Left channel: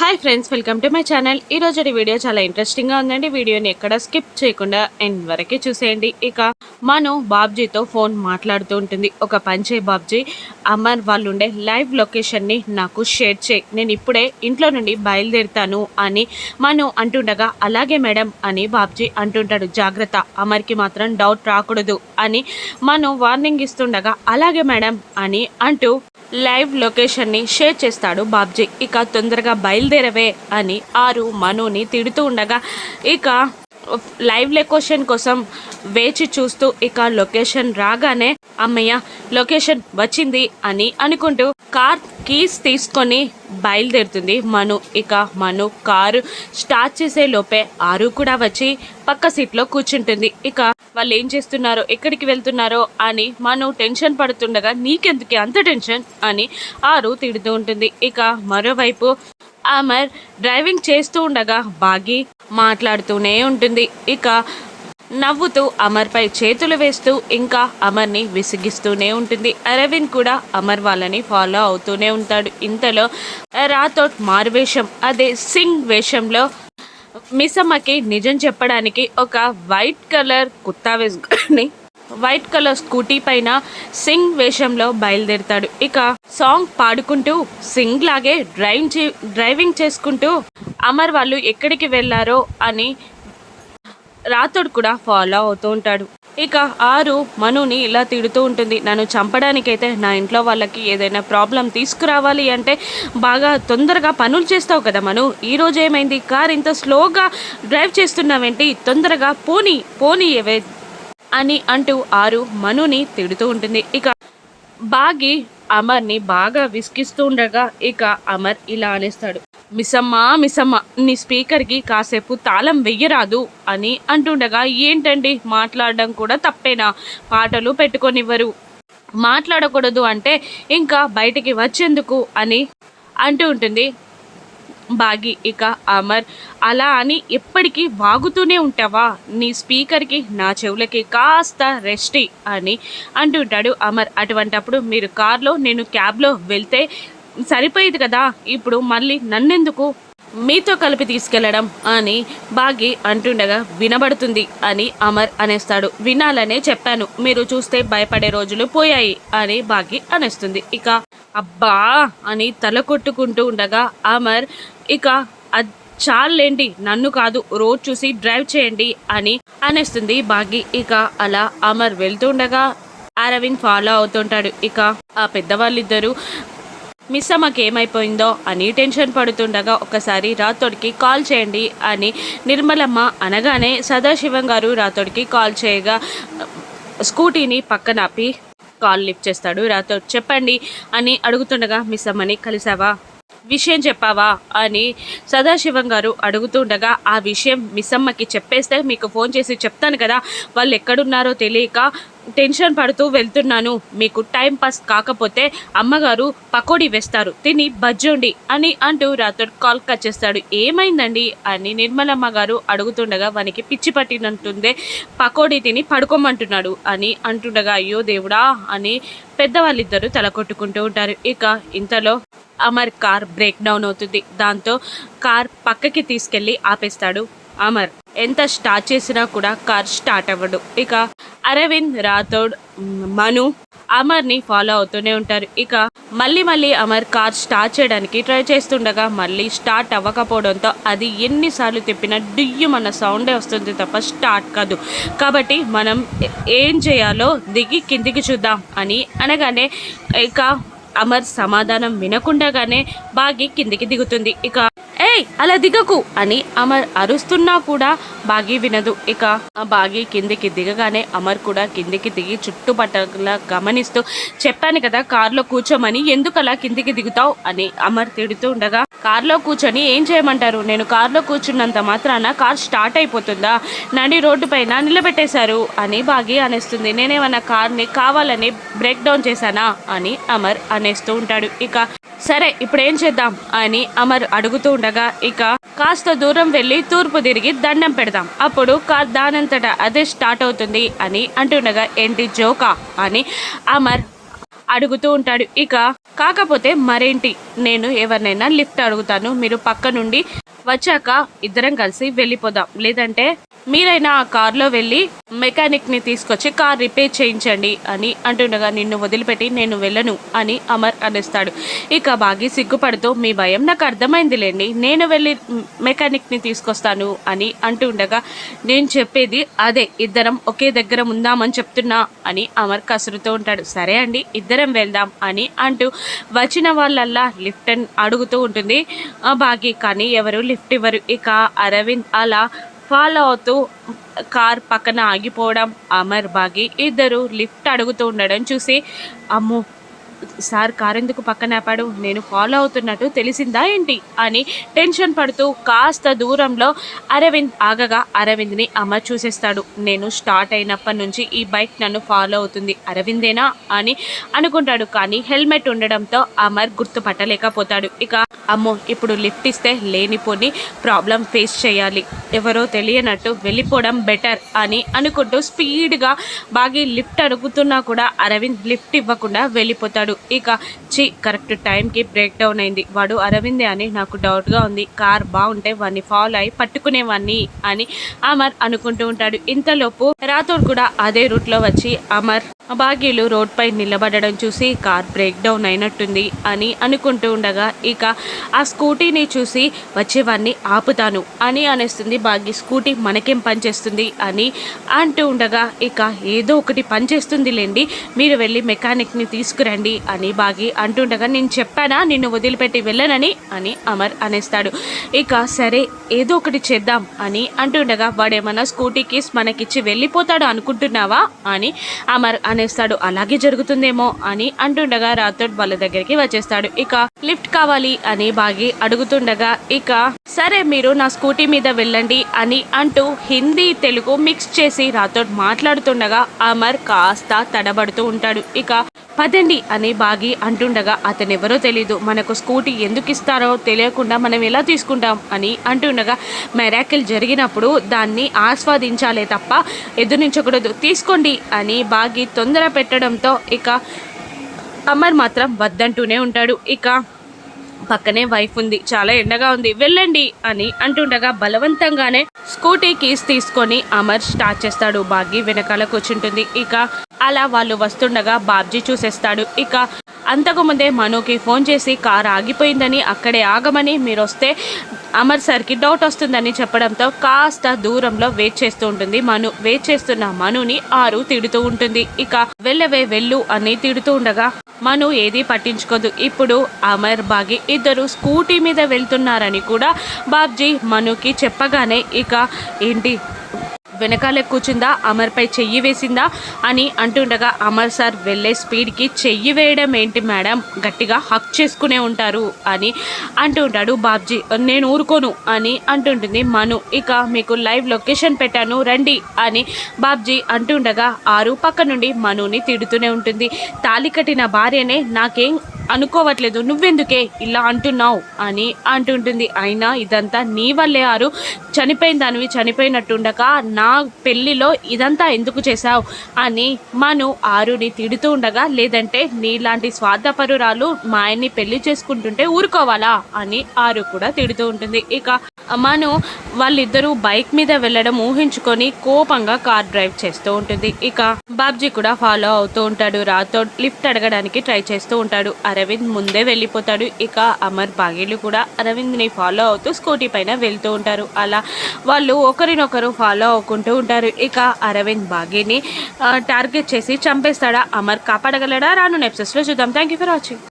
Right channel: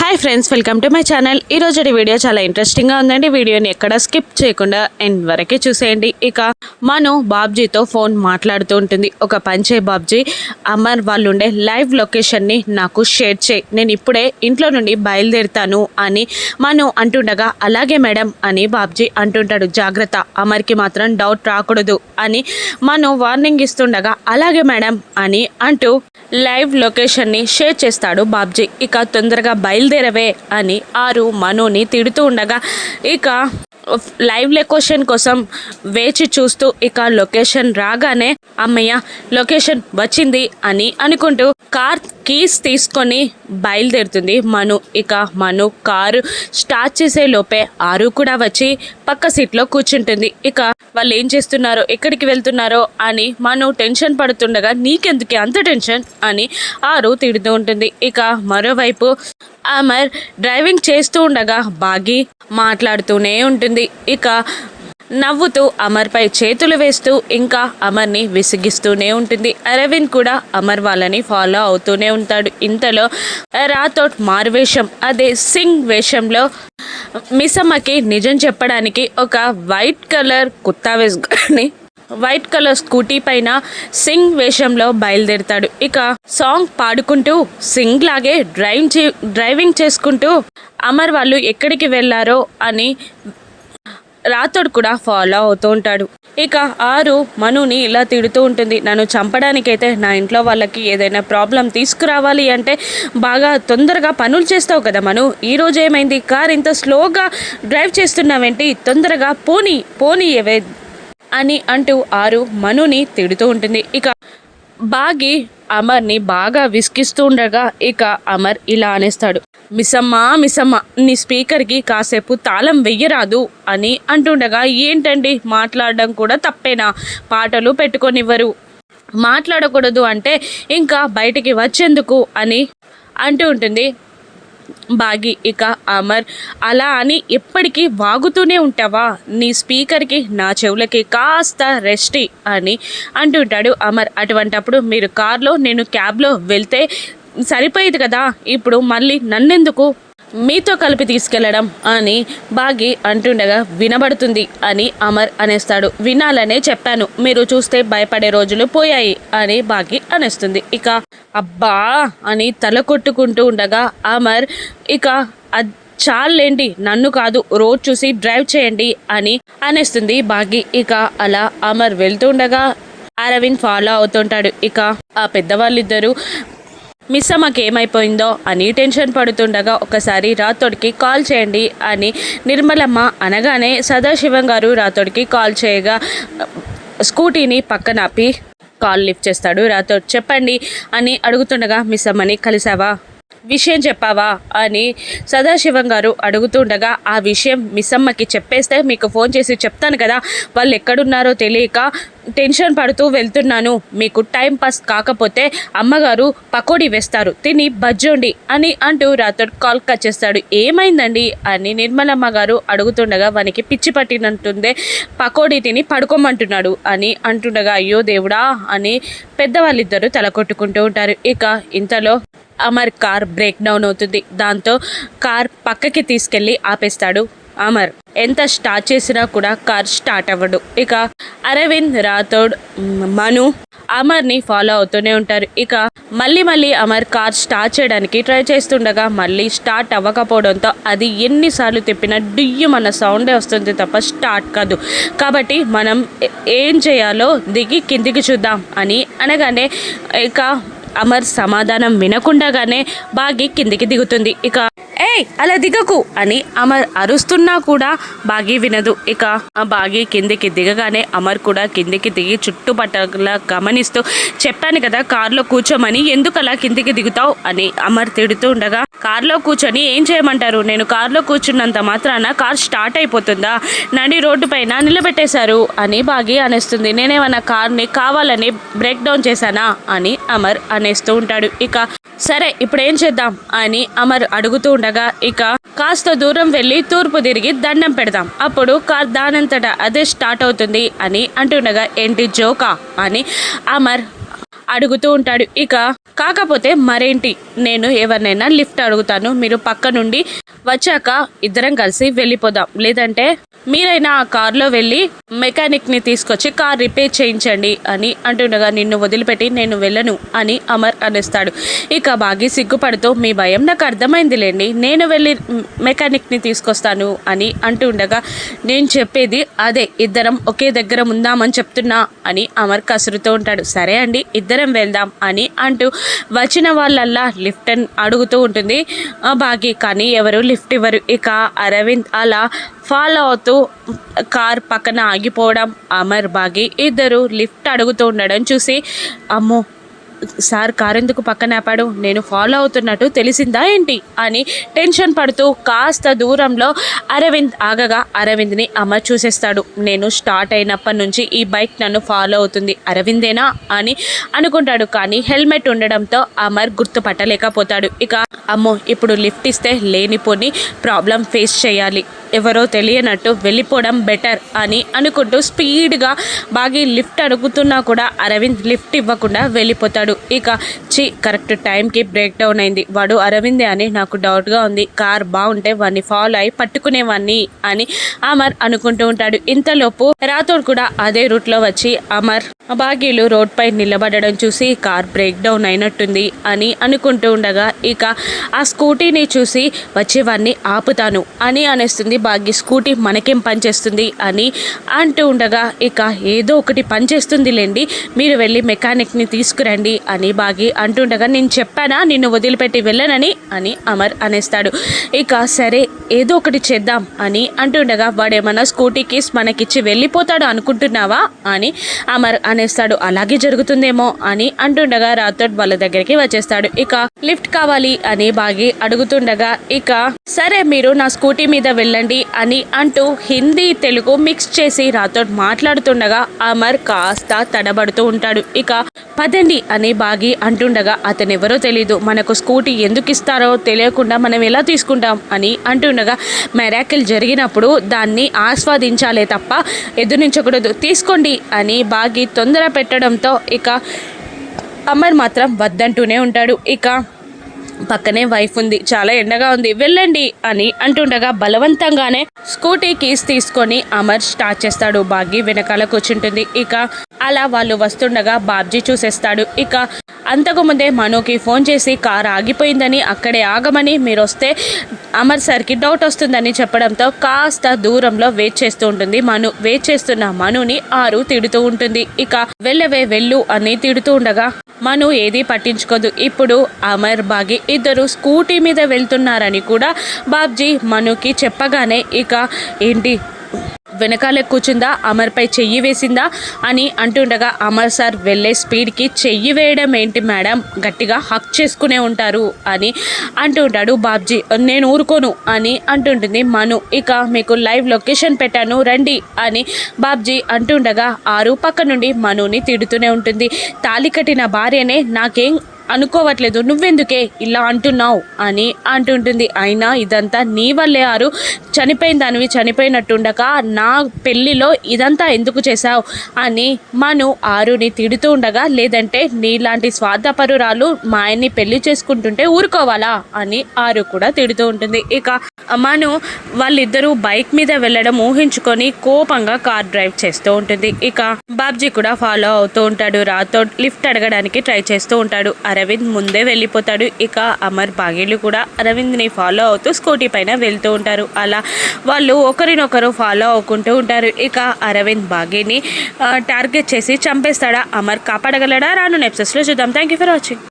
Hi friends, welcome to my channel. ఈరోజు video చాలా ఇంట్రెస్టింగ్గా ఉందండి. వీడియోని ఎక్కడ స్కిప్ చేయకుండా ఎండ్ వరకే చూసేయండి. ఇక మను బాబ్జీతో ఫోన్ మాట్లాడుతూ ఉంటుంది. ఒక పంచే బాబ్జీ, అమర్ వాళ్ళు ఉండే లైవ్ లొకేషన్ని నాకు షేర్ చేయి, నేను ఇప్పుడే ఇంట్లో నుండి బయలుదేరుతాను అని మను అంటుండగా, అలాగే మేడం అని బాబ్జీ అంటుంటాడు. జాగ్రత్త, అమర్కి మాత్రం డౌట్ రాకూడదు అని మను వార్నింగ్ ఇస్తుండగా, అలాగే మేడం అని అంటూ లైవ్ లొకేషన్ని షేర్ చేస్తాడు బాబ్జీ. ఇక తొందరగా బయలుదేరవే అని ఆరు మనుని తిడుతూ ఉండగా, ఇక లైవ్ లొకేషన్ కోసం వేచి చూస్తూ ఇక లొకేషన్ రాగానే అమ్మయ్య లొకేషన్ వచ్చింది అని అనుకుంటూ కార్ కీస్ తీసుకొని బయలుదేరుతుంది మను. ఇక మను కారు స్టార్ట్ చేసే లోపే ఆరు కూడా వచ్చి పక్క సీట్లో కూర్చుంటుంది. ఇక వాళ్ళు ఏం చేస్తున్నారో, ఎక్కడికి వెళ్తున్నారో అని మను టెన్షన్ పడుతుండగా, నీకెందుకు అంత టెన్షన్ అని ఆరు తిడుతూ ఉంటుంది. ఇక మరోవైపు అమర్ డ్రైవింగ్ చేస్తూ ఉండగా బాగి మాట్లాడుతూనే ఉంటుంది. ఇక నవ్వుతూ అమర్పై చేతులు వేస్తూ ఇంకా అమర్ని విసిగిస్తూనే ఉంటుంది. అరవింద్ కూడా అమర్ వాళ్ళని ఫాలో అవుతూనే ఉంటాడు. ఇంతలో రాథోడ్ మారువేషం, అదే సింగ్ వేషంలో మిస్సమ్మకి నిజం చెప్పడానికి ఒక వైట్ కలర్ కుత్తా వేసుకొని వైట్ కలర్ స్కూటీ పైన సింగ్ వేషంలో బయలుదేరుతాడు. ఇక సాంగ్ పాడుకుంటూ సింగ్ లాగే డ్రైవింగ్ చేసుకుంటూ అమర్ వాళ్ళు ఎక్కడికి వెళ్ళారో అని రాథోడ్ కూడా ఫాలో అవుతూ ఉంటాడు. ఇక ఆరు మనుని ఇలా తిడుతూ ఉంటుంది. నన్ను చంపడానికైతే నా ఇంట్లో వాళ్ళకి ఏదైనా ప్రాబ్లం తీసుకురావాలి అంటే బాగా తొందరగా పనులు చేస్తావు కదా మను, ఈరోజు ఏమైంది, కార్ ఇంత స్లోగా డ్రైవ్ చేస్తున్నావేంటి, తొందరగా పోనీ ఏవే అని అంటూ ఆరు మనుని తిడుతూ ఉంటుంది. ఇక బాగి అమర్ని బాగా విసిగిస్తూ ఉండగా ఇక అమర్ ఇలా అనేస్తాడు, మిస్సమ్మ నీ స్పీకర్కి కాసేపు తాళం వెయ్యరాదు అని అంటుండగా, ఏంటండి మాట్లాడడం కూడా తప్పేనా, పాటలు పెట్టుకొనివ్వరు, మాట్లాడకూడదు అంటే ఇంకా బయటికి వచ్చేందుకు అని అంటూ ఉంటుంది బాగి. ఇక అమర్ అలా అని ఎప్పటికీ వాగుతూనే ఉంటావా, నీ స్పీకర్కి నా చెవులకి కాస్త రెస్టి అని అంటుంటాడు అమర్. అటువంటప్పుడు మీరు కార్లో నేను క్యాబ్లో వెళ్తే సరిపోయేది కదా, ఇప్పుడు మళ్ళీ నన్నెందుకు మీతో కలిపి తీసుకెళ్లడం అని బాగి అంటుండగా, వినబడుతుంది అని అమర్ అనేస్తాడు. వినాలనే చెప్పాను, మీరు చూస్తే భయపడే రోజులు పోయాయి అని బాగి అనేస్తుంది. ఇక అబ్బా అని తల కొట్టుకుంటూ ఉండగా అమర్ ఇక చాలేండి, నన్ను కాదు రోడ్ చూసి డ్రైవ్ చేయండి అని అనేస్తుంది బాగి. ఇక అలా అమర్ వెళ్తుండగా అరవింద్ ఫాలో అవుతుంటాడు. ఇక ఆ పెద్దవాళ్ళిద్దరూ మిస్సమ్మకి ఏమైపోయిందో అని టెన్షన్ పడుతుండగా ఒకసారి రాథోడ్కి కాల్ చేయండి అని నిర్మలమ్మ అనగానే సదాశివం గారు రాథోడ్కి కాల్ చేయగా స్కూటీని పక్కనాపి కాల్ లిఫ్ట్ చేస్తాడు రాథోడ్. చెప్పండి అని అడుగుతుండగా, మిస్సమ్మని కలిసావా, విషయం చెప్పావా అని సదాశివం గారు అడుగుతుండగా, ఆ విషయం మిస్సమ్మకి చెప్పేస్తే మీకు ఫోన్ చేసి చెప్తాను కదా, వాళ్ళు ఎక్కడున్నారో తెలియక టెన్షన్ పడుతూ వెళ్తున్నాను, మీకు టైం పాస్ కాకపోతే అమ్మగారు పకోడీ వేస్తారు, తిని బజ్జోండి అని అంటూ రాథోడ్ కాల్ కట్ చేస్తాడు. ఏమైందండి అని నిర్మలమ్మ గారు అడుగుతుండగా, వానికి పిచ్చి పట్టినట్టుందే, పకోడీ తిని పడుకోమంటున్నాడు అని అంటుండగా, అయ్యో దేవుడా అని పెద్దవాళ్ళిద్దరూ తల కొట్టుకుంటూ ఉంటారు. ఇక ఇంతలో అమర్ కార్ బ్రేక్ డౌన్ అవుతుంది. దాంతో కార్ పక్కకి తీసుకెళ్ళి ఆపేస్తాడు అమర్. ఎంత స్టార్ట్ చేసినా కూడా కార్ స్టార్ట్ అవ్వడు. ఇక అరవింద్, రాథోడ్, మను అమర్ని ఫాలో అవుతూనే ఉంటారు. ఇక మళ్ళీ అమర్ కార్ స్టార్ట్ చేయడానికి ట్రై చేస్తుండగా మళ్ళీ స్టార్ట్ అవ్వకపోవడంతో అది ఎన్నిసార్లు తిప్పినా డియ్యమన్న సౌండే వస్తుంది తప్ప స్టార్ట్ కాదు. కాబట్టి మనం ఏం చేయాలో దిగి కిందికి చూద్దాం అని అనగానే ఇక అమర్ సమాధానం వినకుండానే బాగి కిందికి దిగుతుంది. ఇక అలా దిగకు అని అమర్ అరుస్తున్నా కూడా బాగి వినదు. ఇక ఆ బాగి కిందికి దిగగానే అమర్ కూడా కిందికి దిగి చుట్టుపక్కల గమనిస్తూ, చెప్పాను కదా కార్లో కూర్చోమని, ఎందుకు అలా కిందికి దిగుతావు అని అమర్ తిడుతూ ఉండగా, కార్లో కూర్చొని ఏం చేయమంటారు, నేను కార్లో కూర్చున్నంత మాత్రాన కార్ స్టార్ట్ అయిపోతుందా, నడి రోడ్డు పైన నిలబెట్టేశారు అని బాగి అనేస్తుంది. నేనేమన్నా కార్ని కావాలని బ్రేక్ డౌన్ చేశానా అని అమర్ అనేస్తూ ఉంటాడు. ఇక సరే ఇప్పుడు ఏం చేద్దాం అని అమర్ అడుగుతూ ఉండగా, ఇక కాస్త దూరం వెళ్ళి తూర్పు తిరిగి దండం పెడదాం, అప్పుడు కార్ దానంతటా అదే స్టార్ట్ అవుతుంది అని అంటుండగా, ఏంటి జోకా అని అమర్ అడుగుతూ ఉంటాడు. ఇక కాకపోతే మరేంటి, నేను ఎవరినైనా లిఫ్ట్ అడుగుతాను, మీరు పక్క నుండి వచ్చాక ఇద్దరం కలిసి వెళ్ళిపోదాం, లేదంటే మీరైనా ఆ కార్లో వెళ్ళి మెకానిక్ని తీసుకొచ్చి కార్ రిపేర్ చేయించండి అని అంటుండగా, నిన్ను వదిలిపెట్టి నేను వెళ్ళను అని అమర్ అనేస్తాడు. ఇక బాగా సిగ్గుపడుతూ, మీ భయం నాకు అర్థమైందిలేండి, నేను వెళ్ళి మెకానిక్ని తీసుకొస్తాను అని అంటుండగా, నేను చెప్పేది అదే, ఇద్దరం ఒకే దగ్గర ఉందామని చెప్తున్నా అని అమర్ కసురుతూ ఉంటాడు. సరే అండి, ఇద్దరం వెళ్దాం అని అంటూ వచ్చిన వాళ్ళల్లా లిఫ్ట్ అడుగుతూ ఉంటుంది బాగి. కానీ ఎవరు లిఫ్ట్ ఇవ్వరు. ఇక అరవింద్ అలా ఫాలో అవుతూ కార్ పక్కన ఆగిపోవడం, అమర్ బాగి ఇద్దరు లిఫ్ట్ అడుగుతూ ఉండడం చూసి, అమ్మో సార్ కారు ఎందుకు పక్కన ఆపాడు, నేను ఫాలో అవుతున్నట్టు తెలిసిందా ఏంటి అని టెన్షన్ పడుతూ కాస్త దూరంలో అరవింద్ ఆగగా అరవింద్ని అమర్ చూసేస్తాడు. నేను స్టార్ట్ అయినప్పటి నుంచి ఈ బైక్ నన్ను ఫాలో అవుతుంది, అరవిందేనా అని అనుకుంటాడు. కానీ హెల్మెట్ ఉండడంతో అమర్ గుర్తుపట్టలేకపోతాడు. ఇక అమ్మో ఇప్పుడు లిఫ్ట్ ఇస్తే లేనిపోని ప్రాబ్లం ఫేస్ చేయాలి, ఎవరో తెలియనట్టు వెళ్ళిపోవడం బెటర్ అని అనుకుంటూ స్పీడ్గా బాగా లిఫ్ట్ అడుగుతున్నా కూడా అరవింద్ లిఫ్ట్ ఇవ్వకుండా వెళ్ళిపోతాడు. ఇక కరెక్ట్ టైంకి బ్రేక్ డౌన్ అయింది, వాడు అరవిందే అని నాకు డౌట్గా ఉంది, కార్ బాగుంటే వాడిని ఫాలో అయి పట్టుకునేవాడిని అని అమర్ అనుకుంటూ ఉంటాడు. ఇంతలోపు రాథోడ్ కూడా అదే రూట్లో వచ్చి అమర్ బాగీలు రోడ్పై నిలబడడం చూసి కార్ బ్రేక్ డౌన్ అయినట్టుంది అని అనుకుంటూ ఉండగా, ఇక ఆ స్కూటీని చూసి వచ్చేవాడిని ఆపుతాను అని అనేస్తుంది బాగి. స్కూటీ మనకేం పనిచేస్తుంది అని అంటూ ఉండగా, ఇక ఏదో ఒకటి పనిచేస్తుందిలేండి, మీరు వెళ్ళి మెకానిక్ని తీసుకురండి అని బాగి అంటుండగా, నేను చెప్పానా నిన్ను వదిలిపెట్టి వెళ్ళనని అని అమర్ అనేస్తాడు. ఇక సరే ఏదో ఒకటి చేద్దాం అని అంటుండగా, వాడేమన్నా స్కూటీ కీస్ మనకిచ్చి వెళ్ళిపోతాడు అనుకుంటున్నావా అని అమర్ అనేస్తాడు. అలాగే జరుగుతుందేమో అని అంటుండగా రాథోడ్ వాళ్ళ దగ్గరికి వచ్చేస్తాడు. ఇక లిఫ్ట్ కావాలి అని బాగి అడుగుతుండగా, ఇక సరే మీరు నా స్కూటీ మీద వెళ్ళండి అని అంటూ హిందీ తెలుగు మిక్స్ చేసి రాథోడ్ మాట్లాడుతుండగా అమర్ కాస్త తడబడుతూ ఉంటాడు. ఇక పదండి అని బాగి అంటుండగా, అతనెవరో తెలీదు, మనకు స్కూటీ ఎందుకు ఇస్తారో తెలియకుండా మనం ఎలా తీసుకుంటాం అని అంటుండగా, మెరాకిల్ జరిగినప్పుడు దాన్ని ఆస్వాదించాలే తప్ప ఎదురించకూడదు, తీసుకోండి అని బాగి తొందర పెట్టడంతో ఇక అమర్ మాత్రం వద్దంటూనే ఉంటాడు. ఇక పక్కనే వైఫ్ ఉంది, చాలా ఎండగా ఉంది, వెళ్ళండి అని అంటుండగా బలవంతంగానే స్కూటీ కీస్ తీసుకొని అమర్ స్టార్ట్ చేస్తాడు. బాగి వెనకాల కూర్చుంటుంది. ఇక అలా వాళ్ళు వస్తుండగా బాబ్జీ చూసేస్తాడు. ఇక అంతకుముందే మనుకి ఫోన్ చేసి కార్ ఆగిపోయిందని అక్కడే ఆగమని మీరు వస్తే అమర్ సార్కి డౌట్ వస్తుందని చెప్పడంతో కాస్త దూరంలో వెయిట్ చేస్తూ ఉంటుంది. వెయిట్ చేస్తున్న మనుని ఆరు తిడుతూ ఉంటుంది. ఇక వెళ్ళవే వెళ్ళు అని తిడుతూ ఉండగా మను ఏది పట్టించుకోదు. ఇప్పుడు అమర్ బాగి ఇద్దరు స్కూటీ మీద వెళ్తున్నారని కూడా బాబ్జీ మనుకి చెప్పగానే, ఇక ఏంటి వెనకాలే కూర్చుందా, అమర్పై చెయ్యి వేసిందా అని అంటుండగా, అమర్ సార్ వెళ్ళే స్పీడ్కి చెయ్యి వేయడం ఏంటి మేడం, గట్టిగా హక్ చేసుకునే ఉంటారు అని అంటూ ఉంటాడు బాబ్జీ. నేను ఊరుకోను అని అంటుంటుంది మను. ఇక మీకు లైవ్ లొకేషన్ పెట్టాను రండి అని బాబ్జీ అంటుండగా, ఆరు పక్క నుండి మనుని తిడుతూనే ఉంటుంది. తాళి కట్టిన భార్యనే నాకేం అనుకోవట్లేదు, నువ్వెందుకే ఇలా అంటున్నావు అని అంటుంటుంది. అయినా ఇదంతా నీ వల్లే ఆరు, చనిపోయిన దానివి చనిపోయినట్టుండగా నా పెళ్ళిలో ఇదంతా ఎందుకు చేశావు అని మను ఆరుని తిడుతూ ఉండగా, లేదంటే నీలాంటి స్వార్థపరురాలు మా ఆయన్ని పెళ్లి చేసుకుంటుంటే ఊరుకోవాలా అని ఆరు కూడా తిడుతూ ఉంటుంది. ఇక మను వాళ్ళిద్దరూ బైక్ మీద వెళ్ళడం ఊహించుకొని కోపంగా కార్ డ్రైవ్ చేస్తూ ఉంటుంది. ఇక బాబ్జీ కూడా ఫాలో అవుతూ ఉంటాడు. రాథోడ్ లిఫ్ట్ అడగడానికి ట్రై చేస్తూ ఉంటాడు. అరవింద్ ముందే వెళ్ళిపోతాడు. ఇక అమర్ బాగీలు కూడా అరవింద్ని ఫాలో అవుతూ స్కూటీ పైన వెళ్తూ ఉంటారు. అలా వాళ్ళు ఒకరినొకరు ఫాలో అవ్వుకుంటూ ఉంటారు. ఇక అరవింద్ బాగీని టార్గెట్ చేసి చంపేస్తాడా, అమర్ కాపాడగలడా, రాను ఎపిసోడ్స్లో చూద్దాం. Thank you for watching.